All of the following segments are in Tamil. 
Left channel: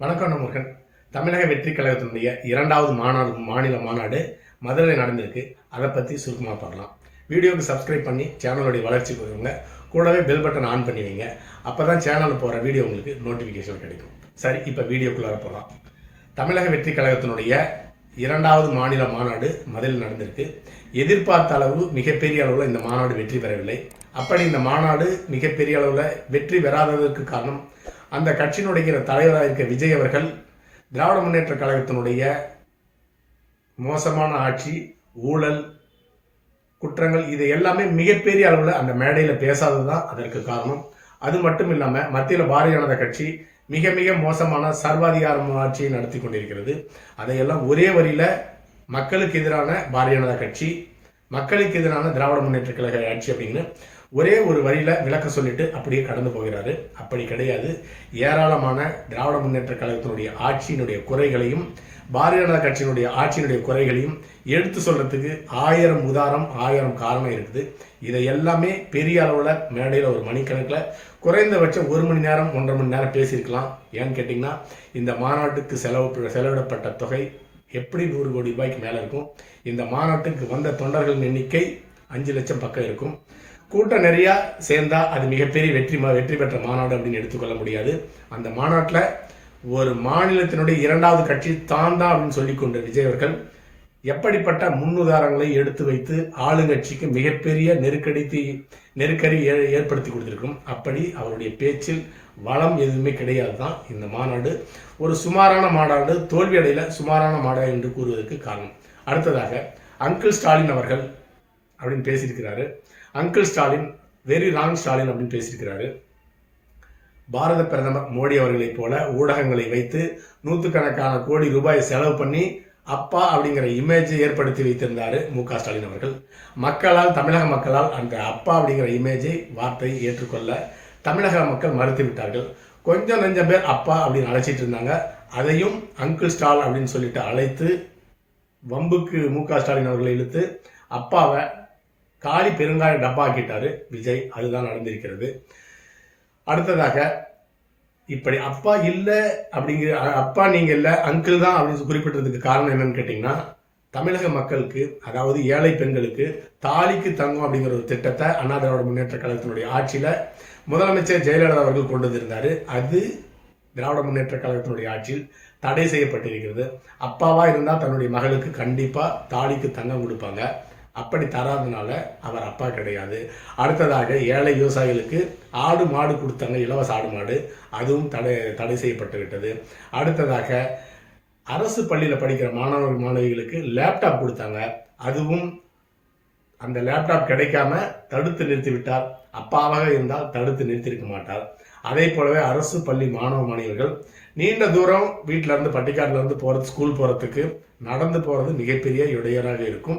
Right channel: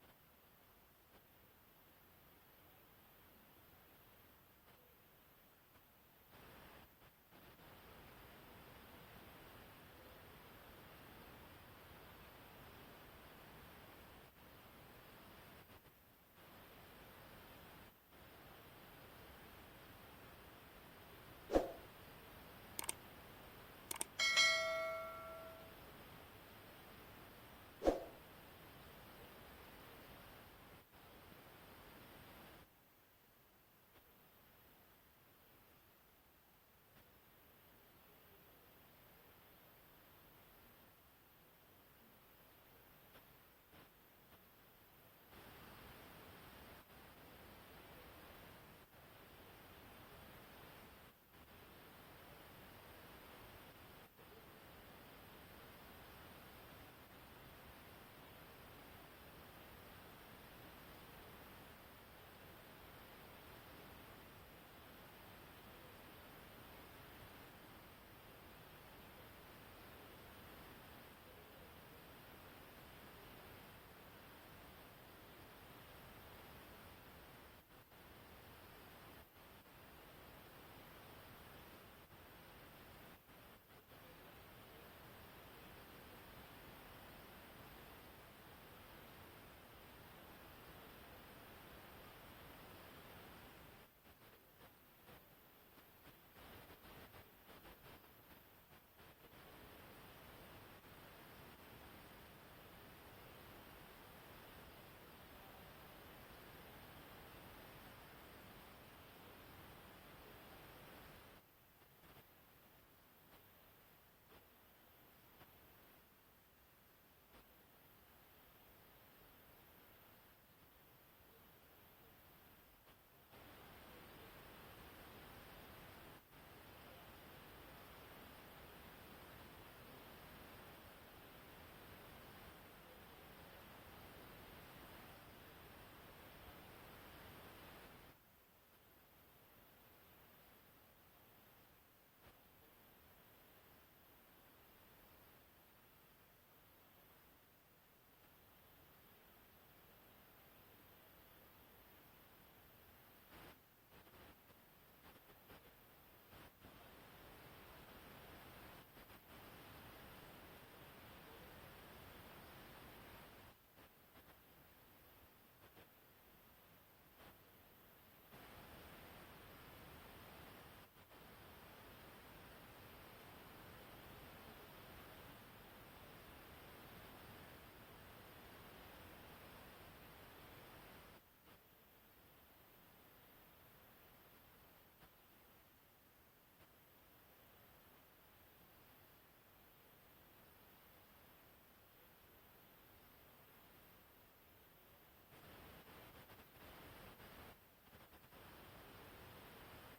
வணக்கம் முருகன். தமிழக வெற்றி கழகத்தினுடைய இரண்டாவது மாநில மாநாடு மதுரையில் நடந்திருக்கு. அதை பற்றி சுருக்கமாக பார்க்கலாம். வீடியோவுக்கு சப்ஸ்கிரைப் பண்ணி சேனலுடைய வளர்ச்சிக்கு வருவங்க. கூடவே பெல் பட்டன் ஆன் பண்ணி வைங்க. அப்போ தான் சேனலில் போகிற வீடியோ உங்களுக்கு நோட்டிஃபிகேஷன் கிடைக்கும். சரி, இப்போ வீடியோக்குள்ளார போகலாம். தமிழக வெற்றி கழகத்தினுடைய இரண்டாவது மாநில மாநாடு மதுரையில் நடந்திருக்கு. எதிர்பார்த்த அளவு மிகப்பெரிய அளவில் இந்த மாநாடு வெற்றி பெறவில்லை. அப்படி இந்த மாநாடு மிகப்பெரிய அளவில் வெற்றி பெறாததற்கு காரணம், அந்த கட்சியினுடைய தலைவராக இருக்க விஜய் அவர்கள் திராவிட முன்னேற்ற கழகத்தினுடைய மோசமான ஆட்சி, ஊழல், குற்றங்கள் இது எல்லாமே மிகப்பெரிய அளவில் அந்த மேடையில் பேசாதது தான் அதற்கு காரணம். அது மட்டும் இல்லாமல் மத்தியில் பாரதிய ஜனதா கட்சி மிக மிக மோசமான சர்வாதிகார ஆட்சியை நடத்தி கொண்டிருக்கிறது. அதையெல்லாம் ஒரே வரியில் மக்களுக்கு எதிரான பாரதிய ஜனதா கட்சி, மக்களுக்கு எதிரான திராவிட முன்னேற்ற கழக ஆட்சி அப்படின்னு ஒரே ஒரு வரியில் விளக்க சொல்லிட்டு அப்படியே கடந்து போகிறாரு. அப்படி கிடையாது. ஏராளமான திராவிட முன்னேற்ற கழகத்தினுடைய ஆட்சியினுடைய குறைகளையும் பாரதிய ஜனதா கட்சியினுடைய ஆட்சியினுடைய குறைகளையும் எடுத்து சொல்றதுக்கு 1000 உதாரணம் 1000 காரணம் இருக்குது. இதை எல்லாமே பெரிய அளவில் மேடையில் ஒரு மணிக்கணக்கில் குறைந்தபட்சம் 1 மணி நேரம் 1.5 மணி நேரம் பேசியிருக்கலாம். ஏன்னு கேட்டிங்கன்னா, இந்த மாநாட்டுக்கு செலவிடப்பட்ட தொகை எப்படி 100 கோடி ரூபாய்க்கு மேலே இருக்கும். இந்த மாநாட்டுக்கு வந்த தொண்டர்களின் எண்ணிக்கை 5 லட்சம் பக்கம் இருக்கும். கூட்டம் நிறையா சேர்ந்தா அது மிகப்பெரிய வெற்றி பெற்ற மாநாடு அப்படின்னு எடுத்துக்கொள்ள முடியாது. அந்த மாநாட்டில் ஒரு மாநிலத்தினுடைய இரண்டாவது கட்சி தான் அப்படின்னு சொல்லிக்கொண்ட விஜய் அவர்கள் எப்படிப்பட்ட முன்னுதாரணங்களை எடுத்து வைத்து ஆளுங்கட்சிக்கு மிகப்பெரிய நெருக்கடி ஏற்படுத்தி கொடுத்திருக்கும். அப்படி அவருடைய பேச்சில் வளம் எதுவுமே கிடையாது தான் இந்த மாநாடு ஒரு சுமாரான மாநாடு, தோல்வி அடையில சுமாரான மாநாடு என்று கூறுவதற்கு காரணம். அடுத்ததாக அங்கிள் ஸ்டாலின் அவர்கள் அப்படின்னு பேசியிருக்கிறாரு. Uncle Stalin very wrong Stalin அப்படின்னு பேசியிருக்கிறாரு. பாரத பிரதமர் மோடி அவர்களைப் போல ஊடகங்களை வைத்து நூற்றுக்கணக்கான கோடி ரூபாய் செலவு பண்ணி அப்பா அப்படிங்கிற இமேஜை ஏற்படுத்தி வைத்திருந்தார் மு.க. ஸ்டாலின் அவர்கள். தமிழக மக்களால் அந்த அப்பா அப்படிங்கிற இமேஜை வார்த்தையை ஏற்றுக்கொள்ள தமிழக மக்கள் மறுத்து விட்டார்கள். கொஞ்சம் நெஞ்சம் பேர் அப்பா அப்படின்னு அழைச்சிட்டு இருந்தாங்க. அதையும் அங்கிள் ஸ்டால் அப்படின்னு சொல்லிட்டு அழைத்து வம்புக்கு மு.க. ஸ்டாலின் அவர்களை இழுத்து அப்பாவை காலி பெருங்காய டப்பா ஆக்கிட்டாரு விஜய். அதுதான் நடந்திருக்கிறது. அடுத்ததாக இப்படி அப்பா இல்லை அப்படிங்கிற அப்பா நீங்க இல்லை அங்கிள் தான் அப்படின்னு குறிப்பிட்டதுக்கு காரணம் என்னன்னு கேட்டீங்கன்னா, தமிழக மக்களுக்கு, அதாவது ஏழை பெண்களுக்கு தாலிக்கு தங்கம் அப்படிங்கிற ஒரு திட்டத்தை அண்ணா திராவிட முன்னேற்ற கழகத்தினுடைய ஆட்சியில முதலமைச்சர் ஜெயலலிதா அவர்கள் கொண்டு வந்திருந்தாரு. அது திராவிட முன்னேற்ற கழகத்தினுடைய ஆட்சியில் தடை செய்யப்பட்டிருக்கிறது. அப்பாவா இருந்தால் தன்னுடைய மகளுக்கு கண்டிப்பா தாலிக்கு தங்கம் கொடுப்பாங்க. அப்படி தராதனால அவர் அப்பா கிடையாது. அடுத்ததாக ஏழை விவசாயிகளுக்கு ஆடு மாடு கொடுத்தாங்க, இலவச ஆடு மாடு, அதுவும் தடை செய்யப்பட்டு விட்டது. அடுத்ததாக அரசு பள்ளியில் படிக்கிற மாணவிகளுக்கு லேப்டாப் கொடுத்தாங்க. அதுவும் அந்த லேப்டாப் கிடைக்காம தடுத்து நிறுத்திவிட்டார். அப்பாவாக இருந்தால் தடுத்து நிறுத்தியிருக்க மாட்டார். அதே போலவே அரசு பள்ளி மாணவர்கள் நீண்ட தூரம் வீட்டில இருந்து பட்டிக்காட்டுல இருந்து ஸ்கூல் போறதுக்கு நடந்து போறது மிகப்பெரிய இடையூறாக இருக்கும்.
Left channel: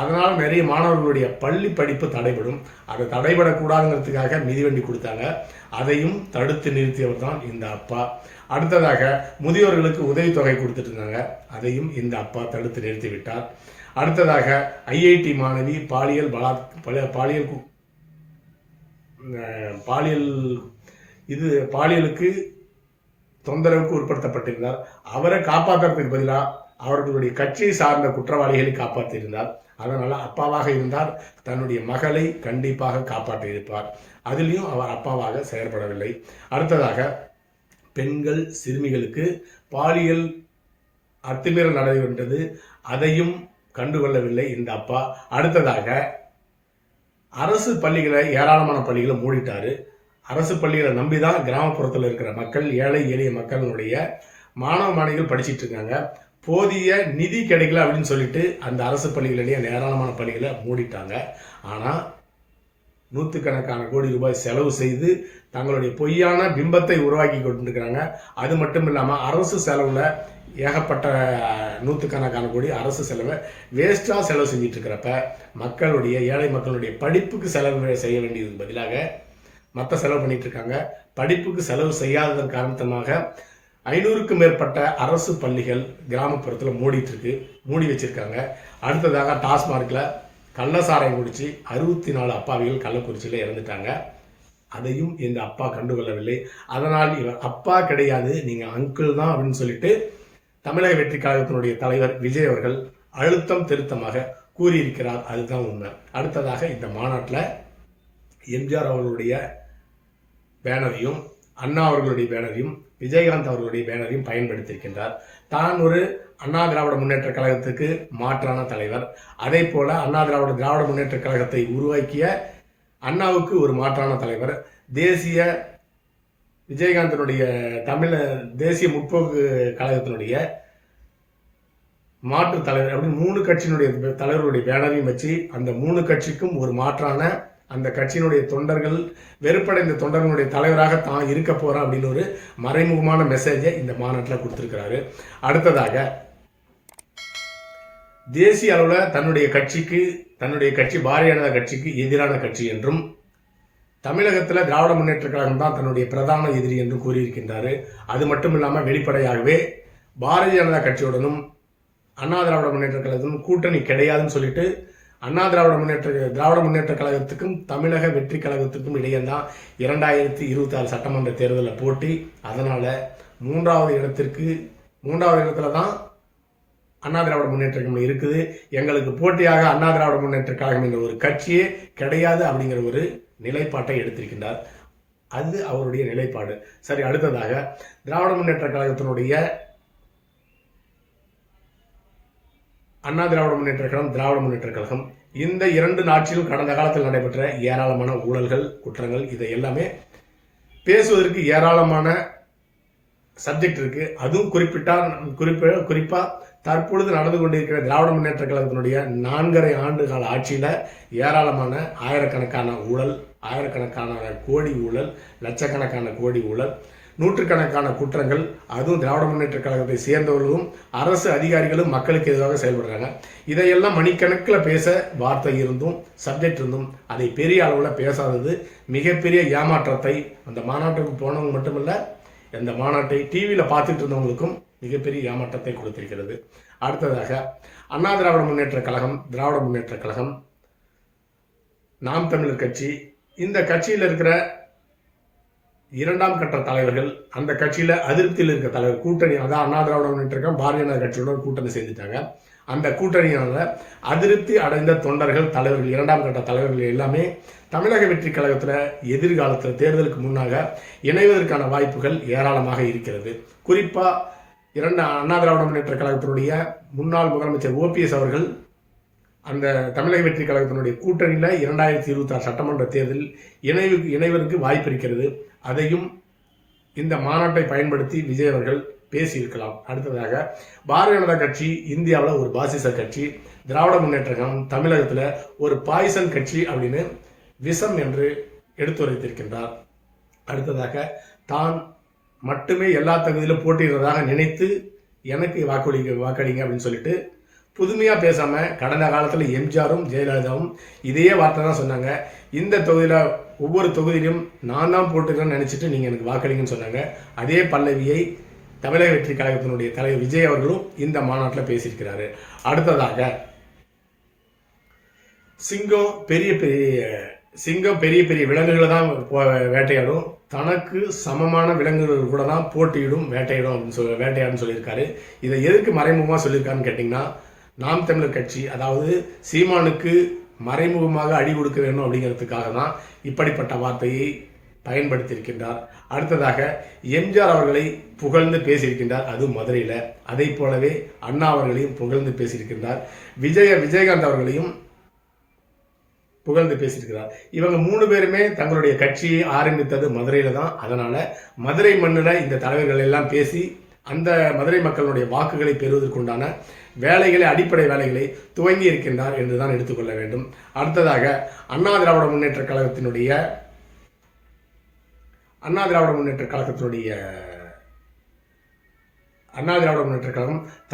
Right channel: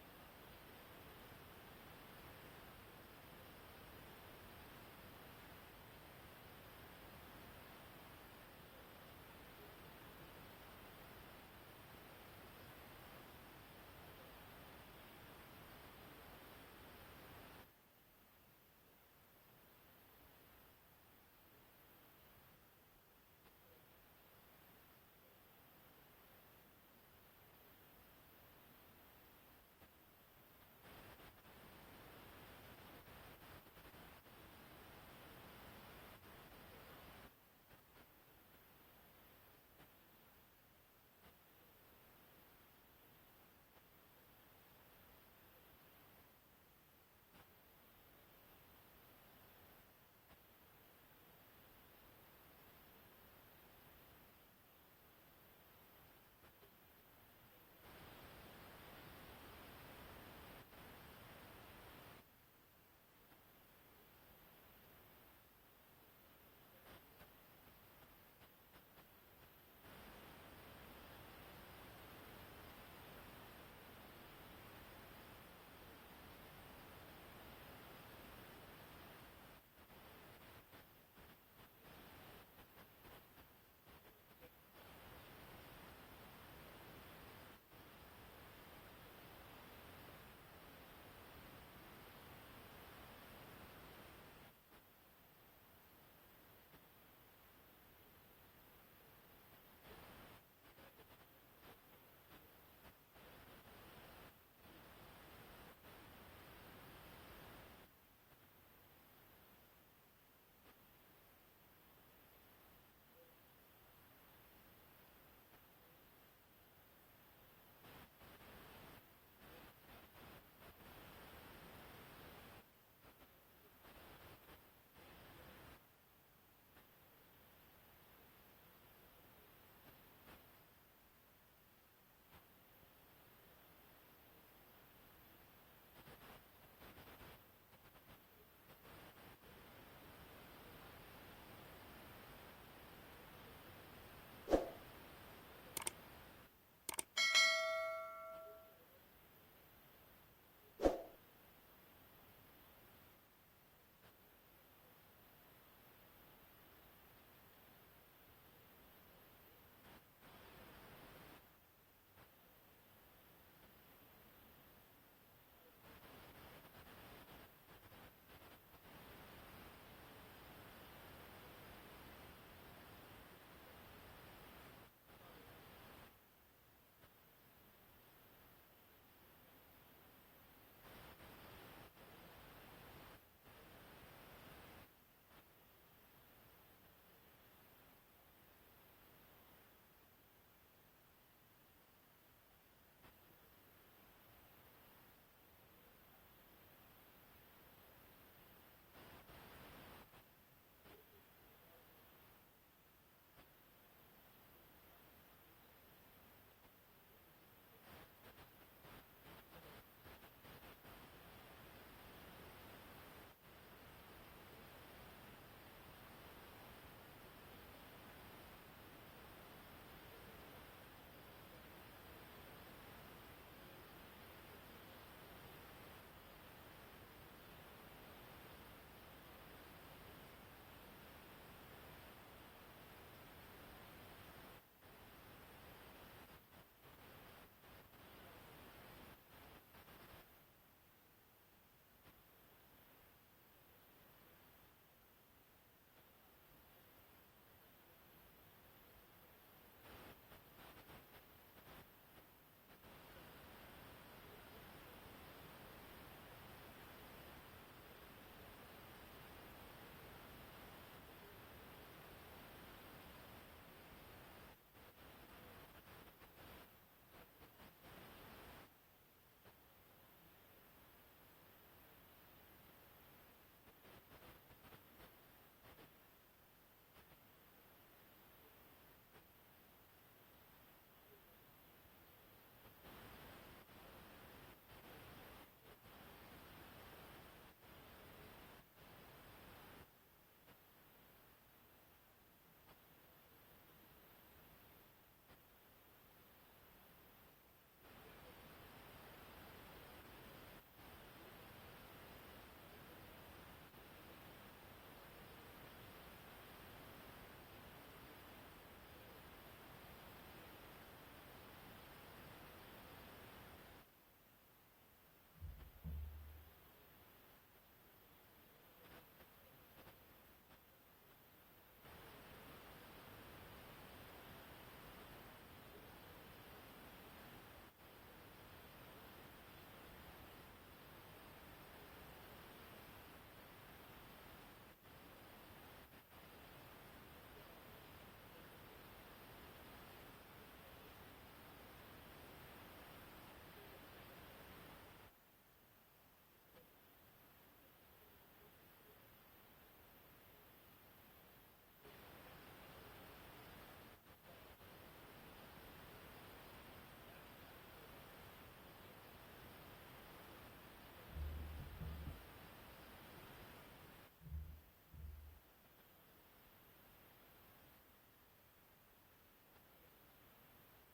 அதனால நிறைய மாணவர்களுடைய பள்ளி படிப்பு தடைபடும். அதை தடைபடக்கூடாதுங்கிறதுக்காக மிதிவண்டி கொடுத்தாங்க. அதையும் தடுத்து நிறுத்தியவர் தான் இந்த அப்பா. அடுத்ததாக முதியோர்களுக்கு உதவித்தொகை கொடுத்துட்டு இருந்தாங்க. அதையும் இந்த அப்பா தடுத்து நிறுத்தி விட்டார். அடுத்ததாக ஐஐடி மாணவி பாலியலுக்கு தொந்தரவுக்கு உட்படுத்தப்பட்டிருந்தார். அவரை காப்பாற்றுறதுக்கு பதிலாக அவர்களுடைய கட்சியை சார்ந்த குற்றவாளிகளை காப்பாற்றியிருந்தார். அதனால அப்பாவாக இருந்தால் தன்னுடைய மகளை கண்டிப்பாக காப்பாற்றியிருப்பார். அதிலையும் அவர் அப்பாவாக செயல்படவில்லை. அடுத்ததாக பெண்கள் சிறுமிகளுக்கு பாலியல் அத்துமீறல் நடைபெற்றது. அதையும் கண்டுகொள்ளவில்லை இந்த அப்பா. அடுத்ததாக அரசு பள்ளிகளை, ஏராளமான பள்ளிகளை மூடிட்டாரு. அரசு பள்ளிகளை நம்பிதான் கிராமப்புறத்தில் இருக்கிற மக்கள், ஏழை எளிய மக்களுடைய மாணவ மாணவிகள் படிச்சுட்டு இருக்காங்க. போதிய நிதி கிடைக்கல அப்படின்னு சொல்லிட்டு அந்த அரசு பள்ளிகளிடையே ஏராளமான பள்ளிகளை மூடிட்டாங்க. ஆனால் நூற்றுக்கணக்கான கோடி ரூபாய் செலவு செய்து தங்களுடைய பொய்யான பிம்பத்தை உருவாக்கி கொண்டிருக்கிறாங்க. அது மட்டும் இல்லாமல் அரசு செலவில் ஏகப்பட்ட நூற்றுக்கணக்கான கோடி அரசு செலவை வேஸ்டாக செலவு செஞ்சிட்டு இருக்கிறப்ப மக்களுடைய, ஏழை மக்களுடைய படிப்புக்கு செலவு செய்ய வேண்டியதுக்கு பதிலாக மற்ற செலவு பண்ணிட்டு இருக்காங்க. படிப்புக்கு செலவு செய்யாததன் காரணமாக 500க்கும் மேற்பட்ட அரசு பள்ளிகள் கிராமப்புறத்தில் மூடி வச்சிருக்காங்க. அடுத்ததாக டாஸ்மார்க்கில் கள்ளசாராயம் குடிச்சு 64 அப்பாவிகள் கள்ளக்குறிச்சியில் இறந்துட்டாங்க. அதையும் இந்த அப்பா கண்டுகொள்ளவில்லை. அதனால் இவர் அப்பா கிடையாது, நீங்க அங்கிள் தான் அப்படின்னு சொல்லிட்டு தமிழக வெற்றி கழகத்தினுடைய தலைவர் விஜய் அவர்கள் அழுத்தம் திருத்தமாக கூறியிருக்கிறார். அதுதான் உண்மை. அடுத்ததாக இந்த மாநாட்டில் எம்ஜிஆர் அவர்களுடைய பேனரையும் அண்ணா அவர்களுடைய பேனரையும் விஜயகாந்த் அவர்களுடைய பேனரையும் பயன்படுத்தியிருக்கின்றார். தான் ஒரு அண்ணா திராவிட முன்னேற்ற கழகத்துக்கு மாற்றான தலைவர், அதே போல அண்ணா திராவிட முன்னேற்ற கழகத்தை உருவாக்கிய அண்ணாவுக்கு ஒரு மாற்றான தலைவர், தேசிய விஜயகாந்தனுடைய தேசிய முற்போக்கு கழகத்தினுடைய மாற்று தலைவர் அப்படின்னு 3 கட்சியினுடைய தலைவர்களுடைய பேனரையும் வச்சு அந்த 3 கட்சிக்கும் ஒரு மாற்றான அந்த கட்சியினுடைய தொண்டர்கள் வெறுப்படைந்த தொண்டர்களுடைய தலைவராக தான் இருக்க போறான் அப்படின்னு ஒரு மறைமுகமான மெசேஜை இந்த மாநாட்டில் கொடுத்திருக்கிறாரு. அடுத்ததாக தேசிய அளவில் தன்னுடைய கட்சி பாரதிய ஜனதா கட்சிக்கு எதிரான கட்சி என்றும் தமிழகத்தில் திராவிட முன்னேற்ற கழகம் தான் தன்னுடைய பிரதான எதிரி என்று கூறியிருக்கின்றாரு. அது மட்டும் இல்லாமல் வெளிப்படையாகவே பாரதிய ஜனதா கட்சியுடனும் அண்ணா திராவிட முன்னேற்ற கழகத்திலும் கூட்டணி கிடையாதுன்னு சொல்லிட்டு அண்ணா திராவிட முன்னேற்ற கழகத்துக்கும் தமிழக வெற்றி கழகத்துக்கும் இடையே தான் 2026 சட்டமன்ற தேர்தலில் போட்டி. அதனால மூன்றாவது இடத்துல தான் அண்ணா திராவிட முன்னேற்ற கழகம் இருக்குது. எங்களுக்கு போட்டியாக அண்ணா திராவிட முன்னேற்ற கழகம் என்ற ஒரு கட்சியே கிடையாது அப்படிங்கிற ஒரு நிலைப்பாட்டை எடுத்திருக்கின்றார். அது அவருடைய நிலைப்பாடு. சரி, அடுத்ததாக திராவிட முன்னேற்ற கழகத்தினுடைய அண்ணா திராவிட முன்னேற்ற கழகம் திராவிட முன்னேற்ற கழகம் இந்த 2 நாட்களிலும் கடந்த காலத்தில் நடைபெற்ற ஏராளமான ஊழல்கள் குற்றங்கள் இதை எல்லாமே பேசுவதற்கு ஏராளமான சப்ஜெக்ட் இருக்கு. அதுவும் குறிப்பா தற்பொழுது நடந்து கொண்டிருக்கிற திராவிட முன்னேற்ற கழகத்தினுடைய 4.5 ஆண்டு கால ஆட்சியில ஏராளமான ஆயிரக்கணக்கான ஊழல், ஆயிரக்கணக்கான கோடி ஊழல், லட்சக்கணக்கான கோடி ஊழல், நூற்றுக்கணக்கான குற்றங்கள், அதுவும் திராவிட முன்னேற்ற கழகத்தை சேர்ந்தவர்களும் அரசு அதிகாரிகளும் மக்களுக்கு எதிராக செயல்படுறாங்க. இதையெல்லாம் மணிக்கணக்கில் பேச வார்த்தை இருந்தும் சப்ஜெக்ட் இருந்தும் அதை பெரிய அளவில் பேசாதது மிகப்பெரிய ஏமாற்றத்தை அந்த மாநாட்டுக்கு போனவங்க மட்டுமல்ல, இந்த மாநாட்டை டிவியில் பார்த்துட்டு இருந்தவங்களுக்கும் மிகப்பெரிய ஏமாற்றத்தை கொடுத்திருக்கிறது. அடுத்ததாக அண்ணா திராவிட முன்னேற்ற கழகம், திராவிட முன்னேற்ற கழகம், நாம் தமிழர் கட்சி, இந்த கட்சியில் இருக்கிற 2ஆம் கட்ட தலைவர்கள், அந்த கட்சியில அதிருப்தியில் இருக்க தலைவர் கூட்டணி, அதான் அண்ணா திராவிட முன்னேற்ற கழகம் பாரதிய ஜனதா கட்சியுடன் கூட்டணி சேர்ந்துட்டாங்க. அந்த கூட்டணியால அதிருப்தி அடைந்த தொண்டர்கள், தலைவர்கள், 2ஆம் கட்ட தலைவர்கள் எல்லாமே தமிழக வெற்றி கழகத்தில் எதிர்காலத்தில் தேர்தலுக்கு முன்னாக இணைவதற்கான வாய்ப்புகள் ஏராளமாக இருக்கிறது. குறிப்பா அண்ணா திராவிட முன்னேற்ற கழகத்தினுடைய முன்னாள் முதலமைச்சர் OPS அவர்கள் அந்த தமிழக வெற்றி கழகத்தினுடைய கூட்டணியில் 2026 சட்டமன்ற தேர்தலில் இணைவதற்கு வாய்ப்பு இருக்கிறது. அதையும் இந்த மாநாட்டை பயன்படுத்தி விஜய் அவர்கள் பேசியிருக்கலாம். அடுத்ததாக பாரதிய ஜனதா கட்சி இந்தியாவில் ஒரு பாசிச கட்சி, திராவிட முன்னேற்ற கழகம் தமிழகத்தில் ஒரு பாய்சன் கட்சி அப்படின்னு விஷம் என்று எடுத்துரைத்திருக்கின்றார். அடுத்ததாக தான் மட்டுமே எல்லா தகுதியிலும் போட்டியிடுறதாக நினைத்து எனக்கு வாக்களிங்க அப்படின்னு சொல்லிட்டு புதுமையாக பேசாமல் கடந்த காலத்தில் எம்ஜிஆரும் ஜெயலலிதாவும் இதே வார்த்தை தான் சொன்னாங்க. இந்த தொகுதியில் ஒவ்வொரு தொகுதியிலும் நான் தான் போட்டுக்கிறேன்னு நினச்சிட்டு நீங்கள் எனக்கு வாக்களிங்கன்னு சொன்னாங்க. அதே பல்லவியை தமிழக வெற்றி கழகத்தினுடைய தலைவர் விஜய் அவர்களும் இந்த மாநாட்டில் பேசியிருக்கிறாரு. அடுத்ததாக சிங்கம் பெரிய பெரிய விலங்குகளை தான் வேட்டையாடும், தனக்கு சமமான விலங்குகள் கூட தான் போட்டியிடும், வேட்டையாடும் சொல்லியிருக்காரு. இதை எதுக்கு மறைமுகமாக சொல்லியிருக்காருன்னு கேட்டிங்கன்னா, நாம் தமிழர் கட்சி, அதாவது சீமானுக்கு மறைமுகமாக அடி கொடுக்க வேண்டும் அப்படிங்கிறதுக்காக தான் இப்படிப்பட்ட வார்த்தையை பயன்படுத்தியிருக்கின்றார். அடுத்ததாக எம்ஜிஆர் அவர்களை புகழ்ந்து பேசியிருக்கின்றார், அது மதுரையில். அதை போலவே அண்ணா அவர்களையும் புகழ்ந்து பேசியிருக்கின்றார். விஜயகாந்த் அவர்களையும் புகழ்ந்து பேசியிருக்கிறார். இவங்க 3 பேருமே தங்களுடைய கட்சியை ஆரம்பித்தது மதுரையில தான். அதனால மதுரை மண்ணில் இந்த தலைவர்கள் எல்லாம் பேசி அந்த மதுரை மக்களுடைய வாக்குகளை பெறுவதற்குண்டான அடிப்படை வேலைகளை துவங்கி இருக்கின்றார் என்றுதான் எடுத்துக்கொள்ள வேண்டும். அடுத்ததாக அண்ணா திராவிட முன்னேற்ற கழகம்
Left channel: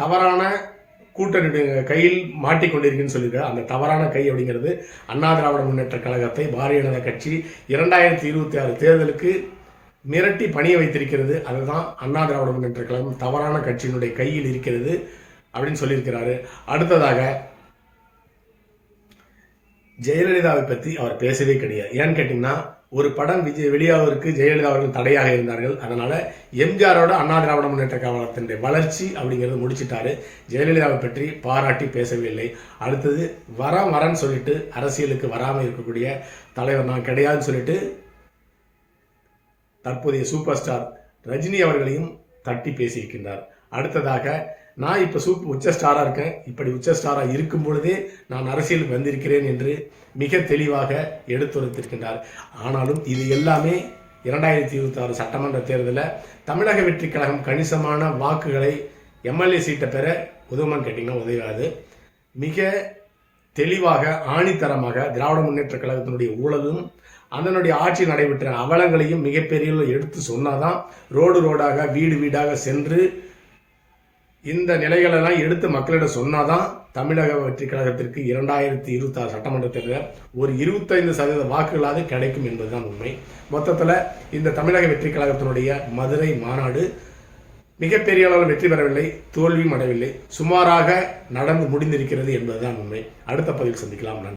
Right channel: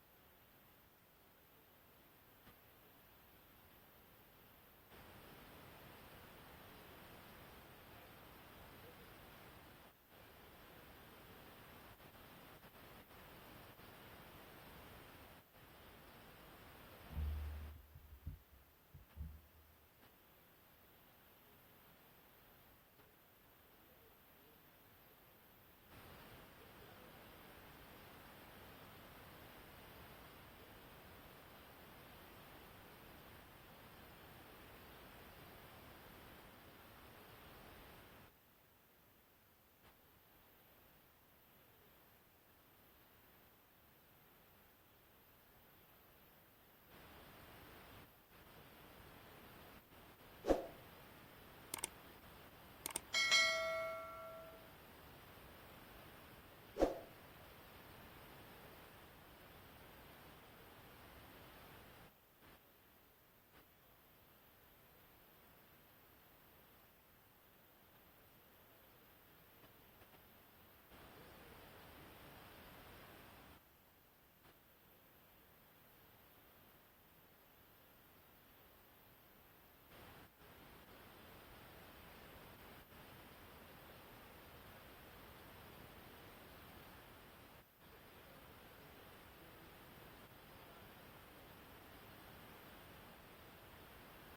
தவறான கூட்டணி கையில் மாட்டிக்கொண்டிருக்குன்னு சொல்லியிருக்காரு. அந்த தவறான கை அப்படிங்கிறது அண்ணா திராவிட முன்னேற்ற கழகத்தை பாரதிய ஜனதா கட்சி 2026 தேர்தலுக்கு மிரட்டி பணிய வைத்திருக்கிறது. அதுதான் அண்ணா திராவிட முன்னேற்ற கழகம் தவறான கட்சியினுடைய கையில் இருக்கிறது அப்படின்னு சொல்லியிருக்கிறாரு. அடுத்ததாக ஜெயலலிதாவை பற்றி அவர் பேசவே கிடையாது. ஏன்னு கேட்டிங்கன்னா, ஒரு படம் வெளியாவதற்கு ஜெயலலிதா அவர்கள் தடையாக இருந்தார்கள். அதனால எம்ஜிஆரோட அண்ணா திராவிட முன்னேற்ற கழகத்தினுடைய வளர்ச்சி அப்படிங்கிறது முடிச்சிட்டாரு. ஜெயலலிதாவை பற்றி பாராட்டி பேசவில்லை. அடுத்தது வரன்னு சொல்லிட்டு அரசியலுக்கு வராமல் இருக்கக்கூடிய தலைவர் நான் கிடையாதுன்னு சொல்லிட்டு தற்போதைய சூப்பர் ஸ்டார் ரஜினி அவர்களையும் தட்டி பேசியிருக்கின்றார். அடுத்ததாக நான் இப்போ உச்ச ஸ்டாராக இருக்கேன், இப்படி உச்ச ஸ்டாராக இருக்கும் பொழுதே நான் அரசியலுக்கு வந்திருக்கிறேன் என்று மிக தெளிவாக எடுத்துரைத்திருக்கின்றார். ஆனாலும் இது எல்லாமே 2026 சட்டமன்ற தேர்தலில் தமிழக வெற்றி கழகம் கணிசமான வாக்குகளை எம்எல்ஏ சீட்டை பெற உதவுமான்னு கேட்டிங்கன்னா உதவாது. மிக தெளிவாக ஆணித்தரமாக திராவிட முன்னேற்ற கழகத்தினுடைய ஊழலும் அதனுடைய ஆட்சி நடைபெற்ற அவலங்களையும் மிகப்பெரிய எடுத்து சொன்னாதான், ரோடாக வீடு வீடாக சென்று இந்த நிலைகளெல்லாம் எடுத்து மக்களிடம் சொன்னாதான் தமிழக வெற்றி கழகத்திற்கு 2026 சட்டமன்ற தேர்தலில் ஒரு 25% வாக்குகளாவது கிடைக்கும் என்பதுதான் உண்மை. மொத்தத்தில் இந்த தமிழக வெற்றி கழகத்தினுடைய மதுரை மாநாடு மிகப்பெரிய அளவில் வெற்றி பெறவில்லை, தோல்வியும் அடையவில்லை, சுமாராக நடந்து முடிந்திருக்கிறது என்பதுதான் உண்மை. அடுத்த பதிவில் சந்திக்கலாம். நன்றி.